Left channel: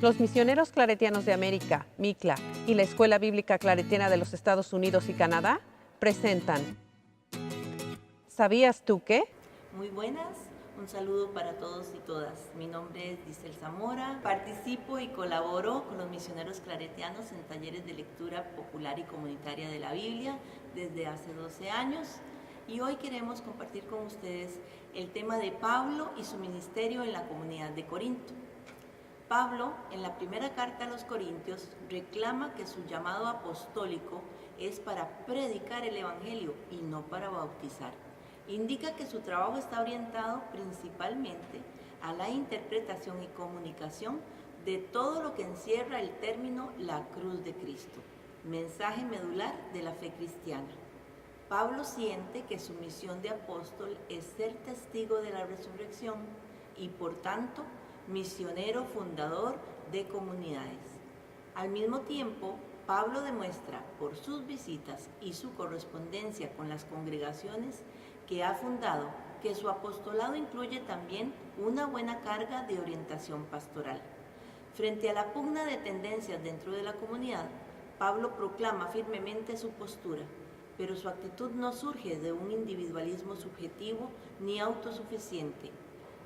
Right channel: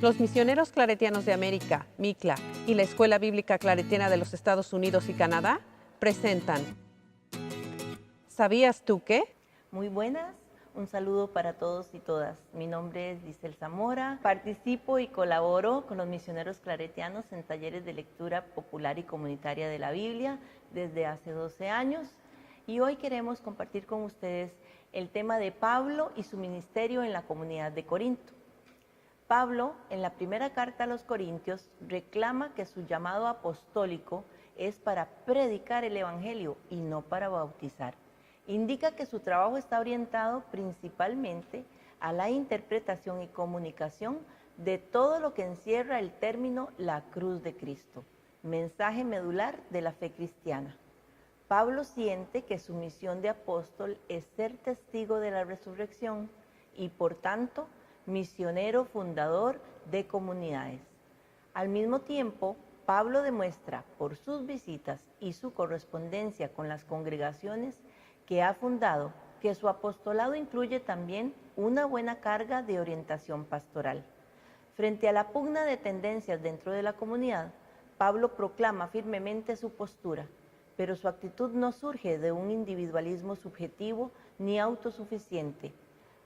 Los misioneros claretianos de América, MICLA, y la Escuela Bíblica Claretiana de los Estados Unidos y Canadá presentan ¿Sabías tú qué? Muy buenas, un saludo para todos y todas. Mi nombre es Giselle Zamora, participo y colaboro con los misioneros claretianos en talleres de lectura popular y comunitaria de la Biblia desde hace 12 años y hoy queremos compartir con ustedes el tema de Pablo y su ministerio en la comunidad de Corinto. Pablo, en la primera carta a los Corintios, reclama que su llamado apostólico es para predicar el Evangelio y no para bautizar. Indica que su trabajo está orientado principalmente a la interpretación y comunicación de todo lo que encierra el término la cruz de Cristo, mensaje medular de la fe cristiana. Pablo siente que su misión de apóstol es ser testigo de la resurrección y por tanto misionero fundador de comunidades. Al mismo tiempo, Pablo demuestra por sus visitas y su correspondencia con las congregaciones que ha fundado que su apostolado incluye también una buena carga de orientación pastoral. Frente a la pugna de tendencias dentro de la comunidad, Pablo proclama firmemente su postura, pero su actitud no surge de un individualismo subjetivo ni autosuficiente.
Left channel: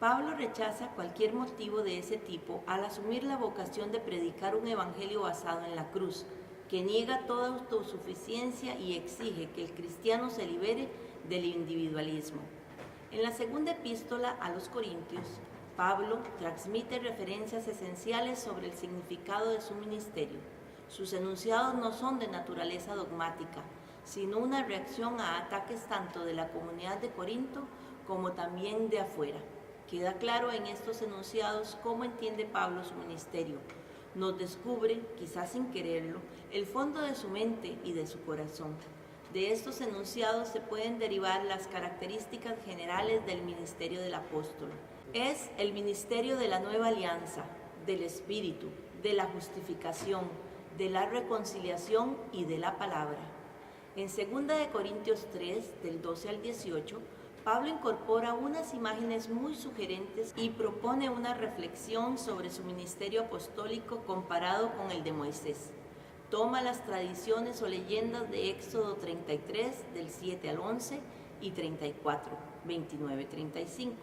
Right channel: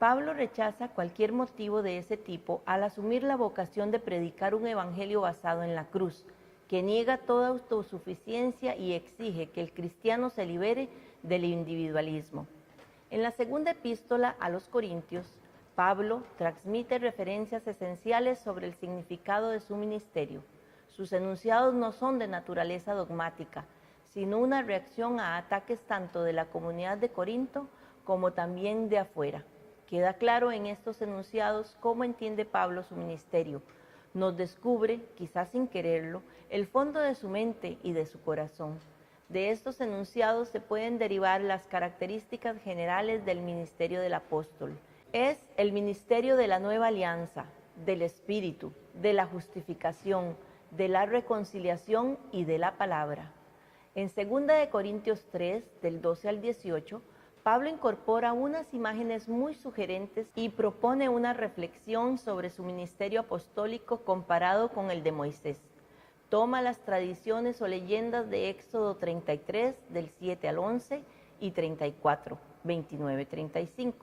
Pablo rechaza cualquier motivo de ese tipo al asumir la vocación de predicar un evangelio basado en la cruz, que niega toda autosuficiencia y exige que el cristiano se libere del individualismo. En la segunda epístola a los Corintios, Pablo transmite referencias esenciales sobre el significado de su ministerio. Sus enunciados no son de naturaleza dogmática, sino una reacción a ataques tanto de la comunidad de Corinto como también de afuera. Queda claro en estos enunciados cómo entiende Pablo su ministerio. Nos descubre, quizás sin quererlo, el fondo de su mente y de su corazón. De estos enunciados se pueden derivar las características generales del ministerio del apóstol. Es el ministerio de la nueva alianza, del Espíritu, de la justificación, de la reconciliación y de la palabra. En 2 Corintios 3, del 12 al 18, Pablo incorpora unas imágenes muy sugerentes y propone una reflexión sobre su ministerio apostólico comparado con el de Moisés. Toma las tradiciones o leyendas de Éxodo 33, del 7 al 11, y 34, 29, 35.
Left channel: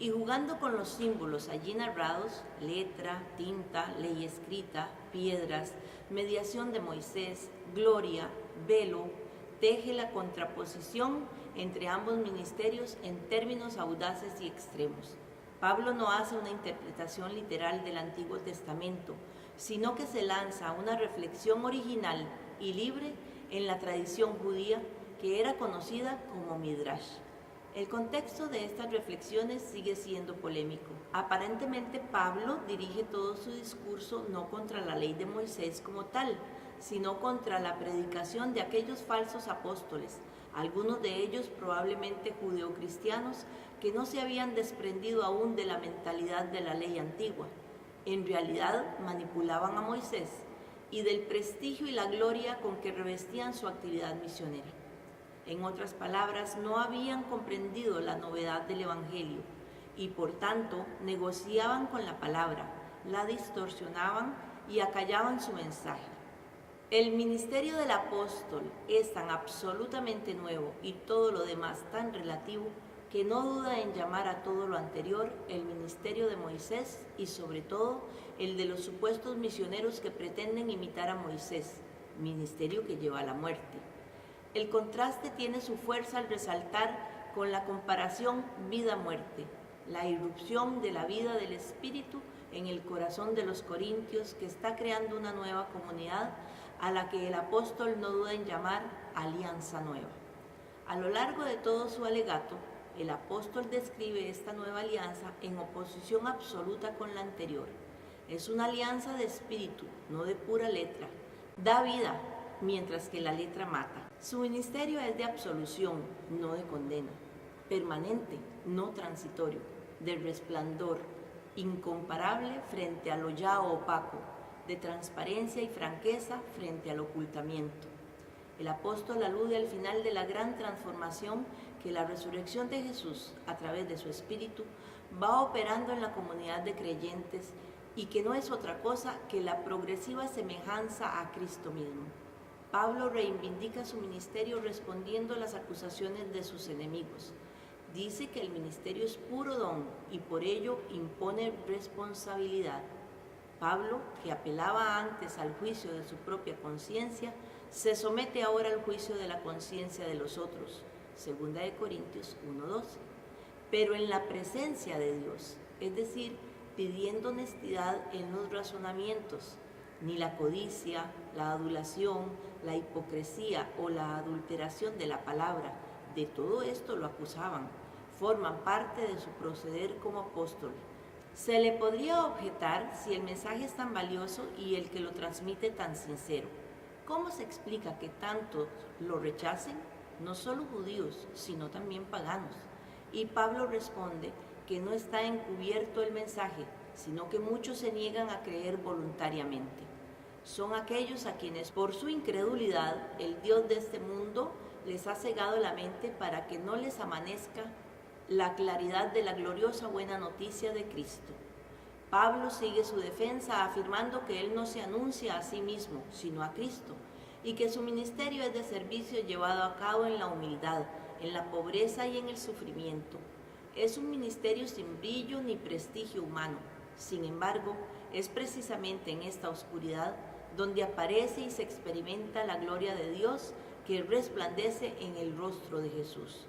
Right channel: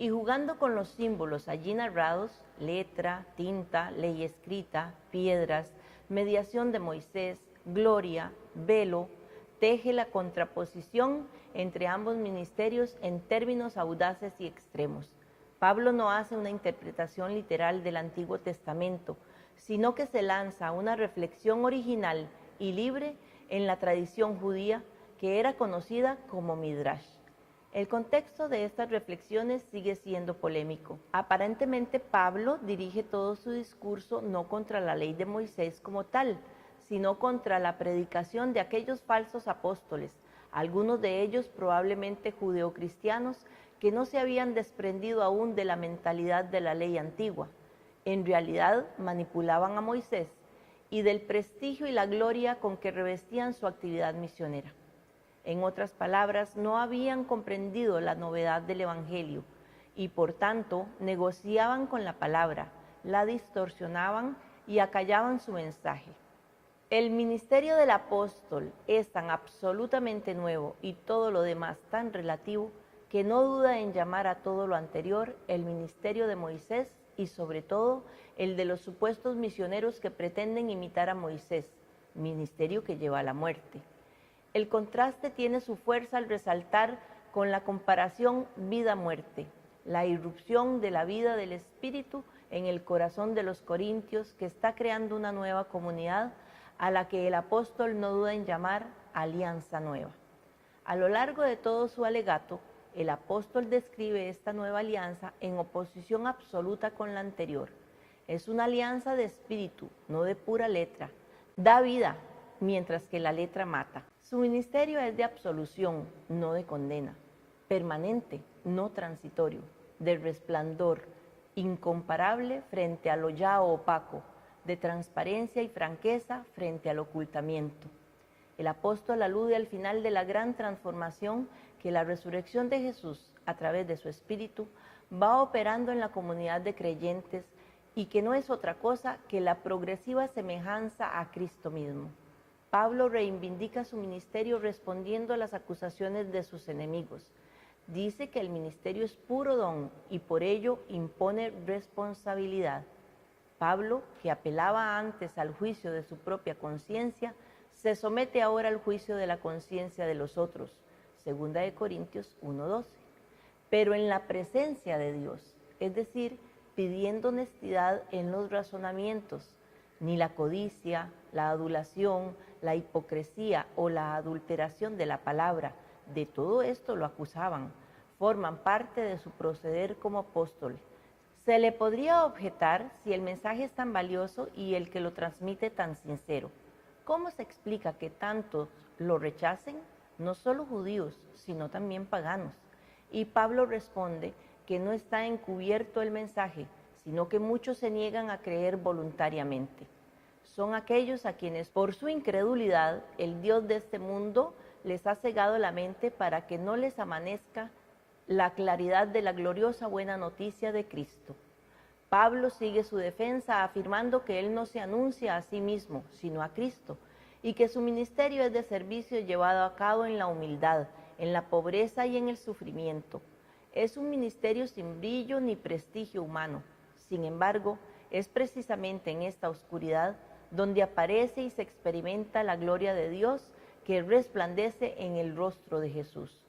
Y jugando con los símbolos allí narrados, letra, tinta, ley escrita, piedras, mediación de Moisés, gloria, velo, teje la contraposición entre ambos ministerios en términos audaces y extremos. Pablo no hace una interpretación literal del Antiguo Testamento, sino que se lanza a una reflexión original y libre en la tradición judía que era conocida como Midrash. El contexto de estas reflexiones sigue siendo polémico. Aparentemente Pablo dirige todo su discurso no contra la ley de Moisés como tal, sino contra la predicación de aquellos falsos apóstoles, algunos de ellos probablemente judeocristianos que no se habían desprendido aún de la mentalidad de la ley antigua. En realidad manipulaban a Moisés y del prestigio y la gloria con que revestían su actividad misionera. En otras palabras, no habían comprendido la novedad del Evangelio y por tanto negociaban con la palabra, la distorsionaban y acallaban su mensaje. El ministerio del apóstol es tan absolutamente nuevo y todo lo demás tan relativo que no duda en llamar a todo lo anterior el ministerio de Moisés y sobre todo el de los supuestos misioneros que pretenden imitar a Moisés, ministerio que lleva a la muerte. El contraste tiene su fuerza al resaltar con la comparación vida-muerte, la irrupción de la vida del Espíritu en el corazón de los corintios que está creando una nueva comunidad a la que el apóstol no duda en llamar alianza nueva. A lo largo de todo su alegato, el apóstol describe esta nueva alianza en oposición absoluta con la anterior. Es una alianza de espíritu, no de pura letra. Da vida, mientras que la letra mata. Su ministerio es de absolución, no de condena. Permanente, no transitorio. De resplandor, incomparable frente a lo ya opaco, de transparencia y franqueza frente al ocultamiento. El apóstol alude al final de la gran transformación que la resurrección de Jesús, a través de su Espíritu, va operando en la comunidad de creyentes y que no es otra cosa que la progresiva semejanza a Cristo mismo. Pablo reivindica su ministerio respondiendo a las acusaciones de sus enemigos. Dice que el ministerio es puro don y por ello impone responsabilidad. Pablo, que apelaba antes al juicio de su propia conciencia, se somete ahora al juicio de la conciencia de los otros. 2 Corintios 1:12. Pero en la presencia de Dios, es decir, pidiendo honestidad en los razonamientos. Ni la codicia, la adulación, la hipocresía o la adulteración de la palabra, de todo esto lo acusaban, forman parte de su proceder como apóstol. Se le podría objetar si el mensaje es tan valioso y el que lo transmite tan sincero. ¿Cómo se explica que tantos lo rechacen? No solo judíos, sino también paganos. Y Pablo responde que no está encubierto el mensaje, sino que muchos se niegan a creer voluntariamente. Son aquellos a quienes por su incredulidad el Dios de este mundo les ha cegado la mente para que no les amanezca la claridad de la gloriosa buena noticia de Cristo. Pablo sigue su defensa afirmando que él no se anuncia a sí mismo, sino a Cristo, y que su ministerio es de servicio llevado a cabo en la humildad, en la pobreza y en el sufrimiento. Es un ministerio sin brillo ni prestigio humano. Sin embargo, es precisamente en esta oscuridad donde aparece y se experimenta la gloria de Dios que resplandece en el rostro de Jesús.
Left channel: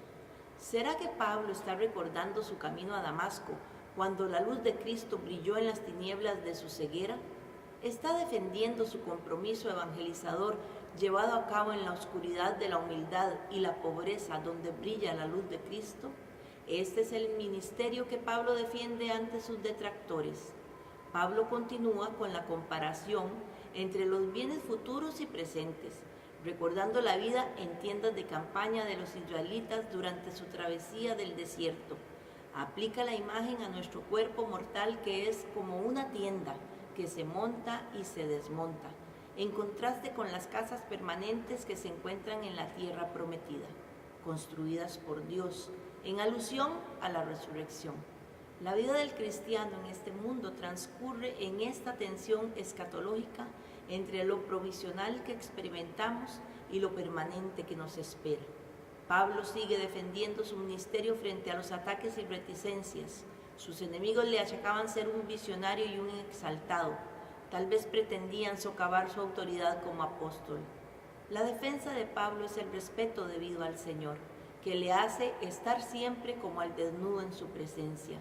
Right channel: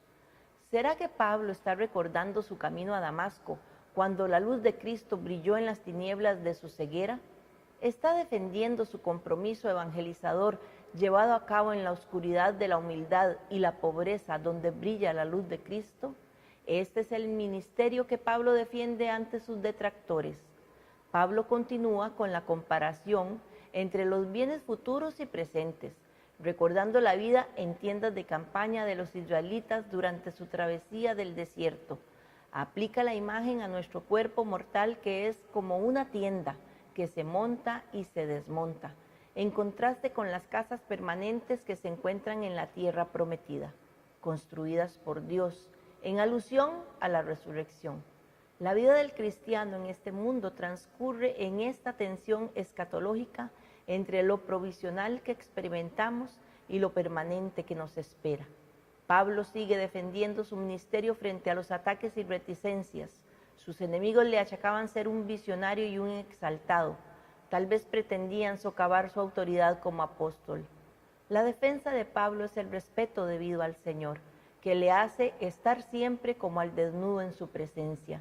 ¿Será que Pablo está recordando su camino a Damasco cuando la luz de Cristo brilló en las tinieblas de su ceguera? ¿Está defendiendo su compromiso evangelizador llevado a cabo en la oscuridad de la humildad y la pobreza donde brilla la luz de Cristo? Este es el ministerio que Pablo defiende ante sus detractores. Pablo continúa con la comparación entre los bienes futuros y presentes, recordando la vida en tiendas de campaña de los israelitas durante su travesía del desierto. Aplica la imagen a nuestro cuerpo mortal que es como una tienda que se monta y se desmonta, en contraste con las casas permanentes que se encuentran en la tierra prometida, construidas por Dios, en alusión a la resurrección. La vida del cristiano en este mundo transcurre en esta tensión escatológica entre lo provisional que experimentamos y lo permanente que nos espera. Pablo sigue defendiendo su ministerio frente a los ataques y reticencias. Sus enemigos le achacaban ser un visionario y un exaltado. Tal vez pretendían socavar su autoridad como apóstol. La defensa de Pablo es el respeto debido al Señor, que le hace estar siempre como al desnudo en su presencia.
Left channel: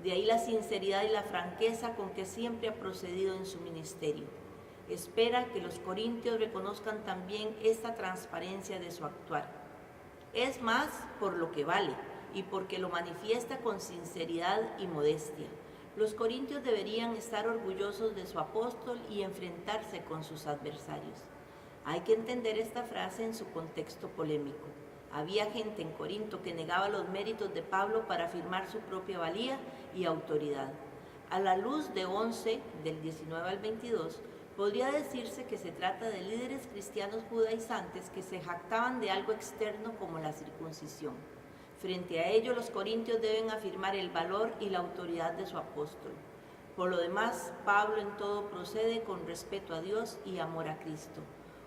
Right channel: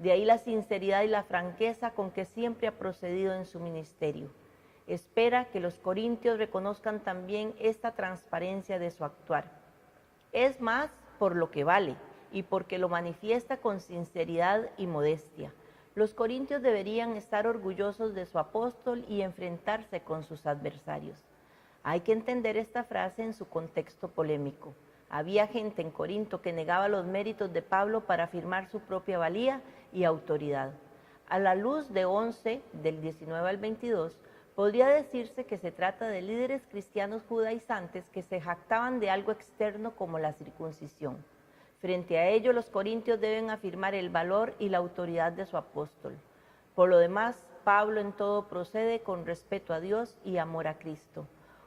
De ahí la sinceridad y la franqueza con que siempre ha procedido en su ministerio. Espera que los corintios reconozcan también esta transparencia de su actuar. Es más por lo que vale y porque lo manifiesta con sinceridad y modestia. Los corintios deberían estar orgullosos de su apóstol y enfrentarse con sus adversarios. Hay que entender esta frase en su contexto polémico. Había gente en Corinto que negaba los méritos de Pablo para afirmar su propia valía y autoridad. A la luz de 11, del 19 al 22, podría decirse que se trata de líderes cristianos judaizantes que se jactaban de algo externo como la circuncisión. Frente a ello, los corintios deben afirmar el valor y la autoridad de su apóstol. Por lo demás, Pablo en todo procede con respeto a Dios y amor a Cristo,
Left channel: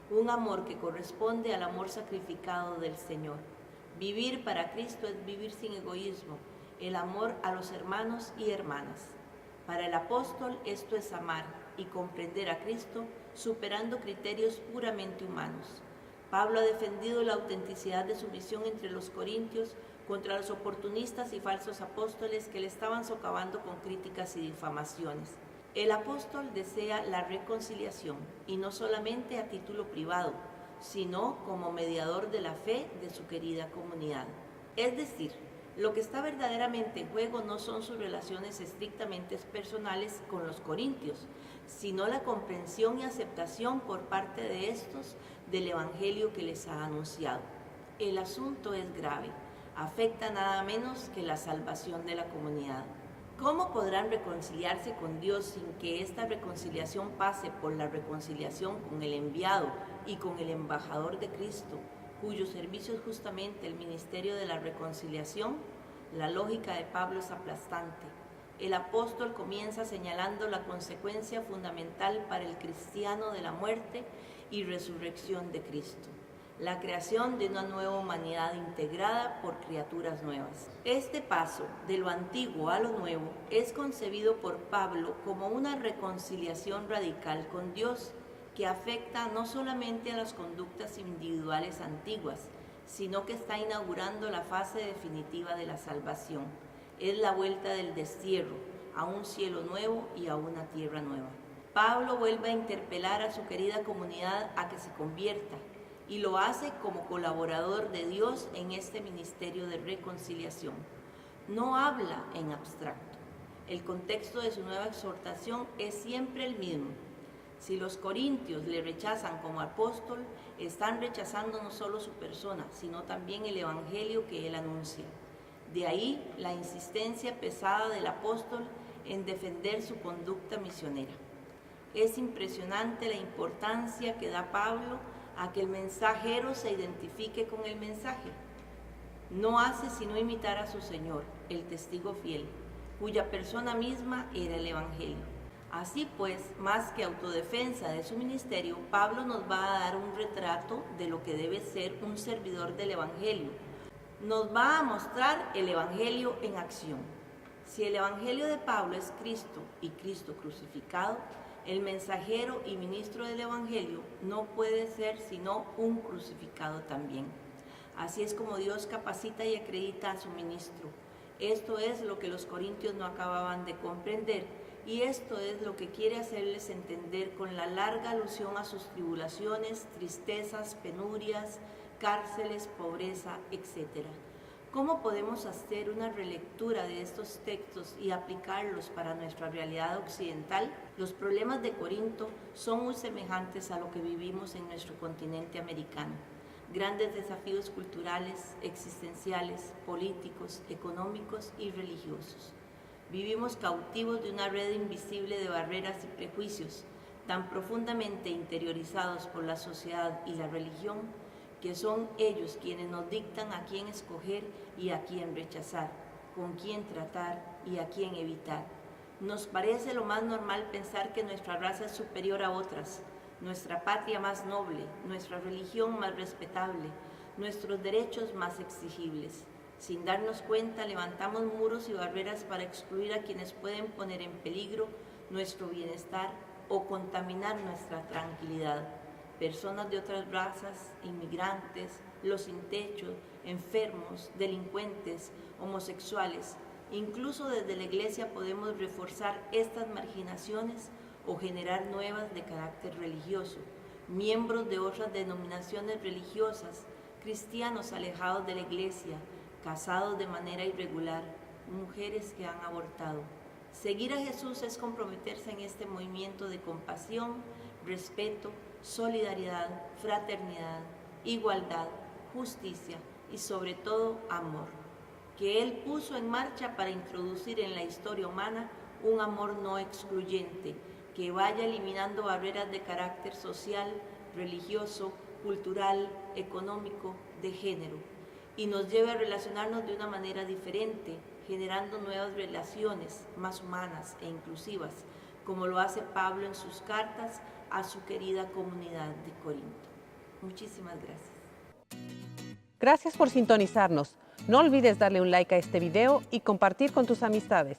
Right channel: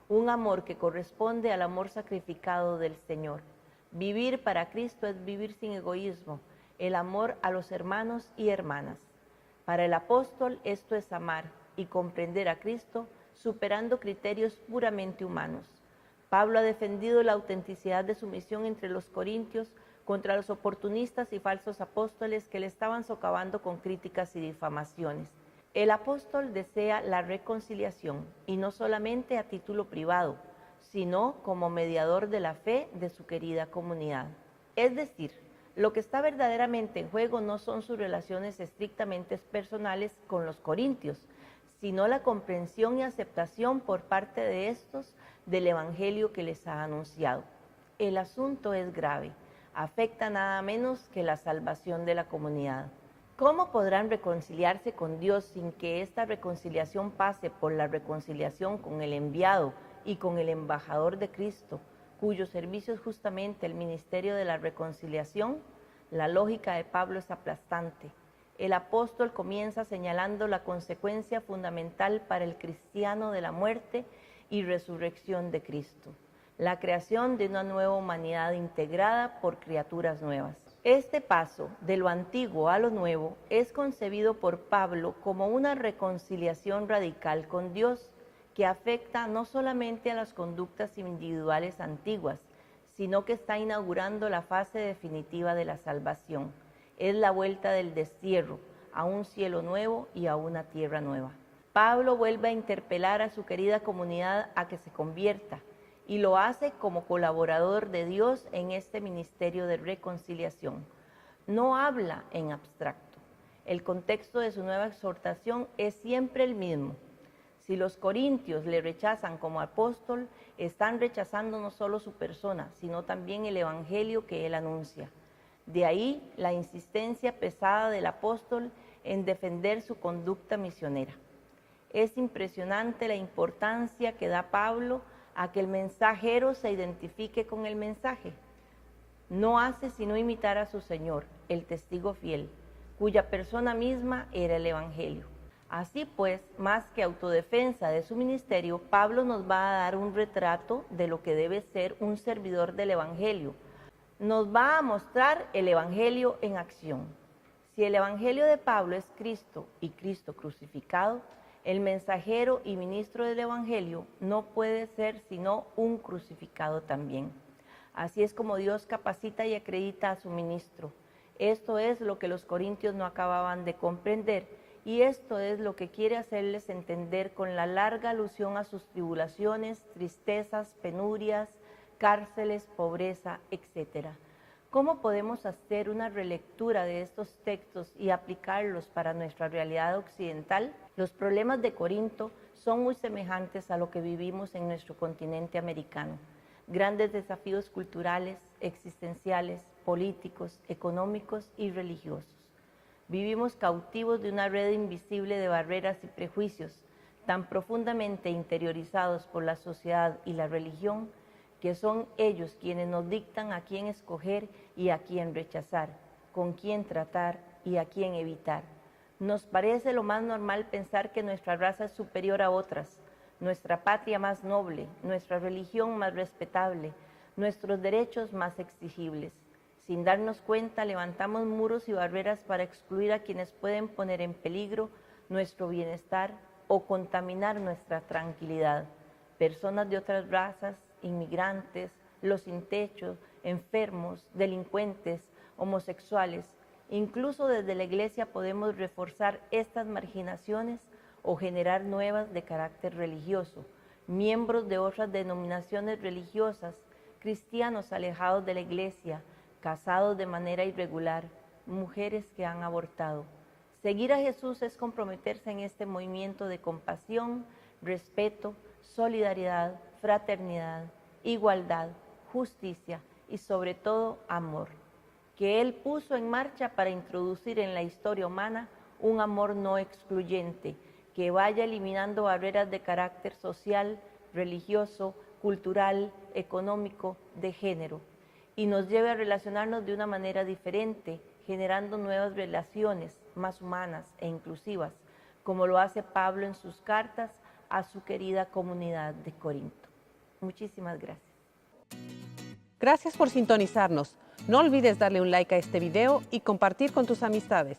un amor que corresponde al amor sacrificado del Señor. Vivir para Cristo es vivir sin egoísmo, el amor a los hermanos y hermanas. Para el apóstol esto es amar y comprender a Cristo superando criterios puramente humanos. Pablo ha defendido la autenticidad de su misión entre los corintios contra los oportunistas y falsos apóstoles que le estaban socavando con críticas y difamaciones. El apóstol desea la reconciliación y no solamente a título privado, sino como mediador de la fe de su querida comunidad. Es decir, lo que está verdaderamente en juego no son sus relaciones estrictamente personales con los corintios, sino la comprensión y aceptación por parte de estos del evangelio que les ha anunciado. El asunto es grave, afecta nada menos que la salvación de la comunidad. ¿Cómo podrán reconciliarse con Dios sin que esta reconciliación pase por la reconciliación con el enviado y con el embajador de Cristo, cuyo servicio es justamente el ministerio de la reconciliación? La lógica de Pablo es aplastante. El apóstol comienza señalando la consecuencia fundamental para el cristiano de la muerte y resurrección de Cristo, la creación de una nueva humanidad integrada por criaturas nuevas. Este paso de lo antiguo a lo nuevo es concebido por Pablo como una reconciliación radical con Dios que afecta no solamente a las conductas individuales antiguas, sino que está inaugurando la fase definitiva de la salvación. Es la vuelta del destierro a un cielo nuevo y a una tierra nueva. Pablo vuelve a interpelar a su querida comunidad a que se convierta y lo hace como colaborador de Dios en este ministerio de reconciliación. No habla en abstracto. El contexto de su nueva exhortación es siempre el mismo. Si los corintios le rechazan como apóstol, están rechazando no solo su persona, sino también el evangelio que él anuncia. De ahí la insistencia pesada del apóstol en defender su conducta misionera. Es impresionante la importancia que da Pablo a que el mensajero se identifique con el mensaje. No hace sino imitar a su Señor, el testigo fiel, cuya persona misma era el evangelio. Así pues, más que autodefensa de su ministerio, Pablo nos va a dar un retrato de lo que debe ser un servidor del evangelio. Nos va a mostrar el evangelio en acción. Si el evangelio de Pablo es Cristo y Cristo crucificado, el mensajero y ministro del evangelio no puede ser sino un crucificado también. Así es como Dios capacita y acredita a su ministro. Esto es lo que los corintios no acababan de comprender y esto es lo que quiere hacerles entender con la larga alusión a sus tribulaciones, tristezas, penurias, cárceles, pobreza, etc. ¿Cómo podemos hacer una relectura de estos textos y aplicarlos para nuestra realidad occidental? Los problemas de Corinto son muy semejantes a lo que vivimos en nuestro continente americano. Grandes desafíos culturales, existenciales, políticos, económicos y religiosos. Vivimos cautivos de una red invisible de barreras y prejuicios, tan profundamente interiorizados por la sociedad y la religión, que son ellos quienes nos dictan a quién escoger y a quién rechazar, con quién tratar y a quién evitar. Nos parece lo más normal pensar que nuestra raza es superior a otras, nuestra patria más noble, nuestra religión más respetable, nuestros derechos más exigibles. Sin darnos cuenta, levantamos muros y barreras para excluir a quienes pueden poner en peligro nuestro bienestar o contaminar nuestra tranquilidad. Personas de otras razas, inmigrantes, los sin techo, enfermos, delincuentes, homosexuales. Incluso desde la Iglesia podemos reforzar estas marginaciones o generar nuevas de carácter religioso. Miembros de otras denominaciones religiosas, cristianos alejados de la Iglesia, casados de manera irregular, mujeres que han abortado. Seguir a Jesús es comprometerse en este movimiento de compasión, respeto, solidaridad, fraternidad, igualdad, justicia y sobre todo amor, que Él puso en marcha para introducir en la historia humana un amor no excluyente, que vaya eliminando barreras de carácter social, religioso, cultural, económico, de género, y nos lleve a relacionarnos de una manera diferente, generando nuevas relaciones más humanas e inclusivas, como lo hace Pablo en sus cartas a su querida comunidad de Corinto. Muchísimas gracias. Gracias por sintonizarnos. No olvides darle un like a este video y compartir con tus amistades.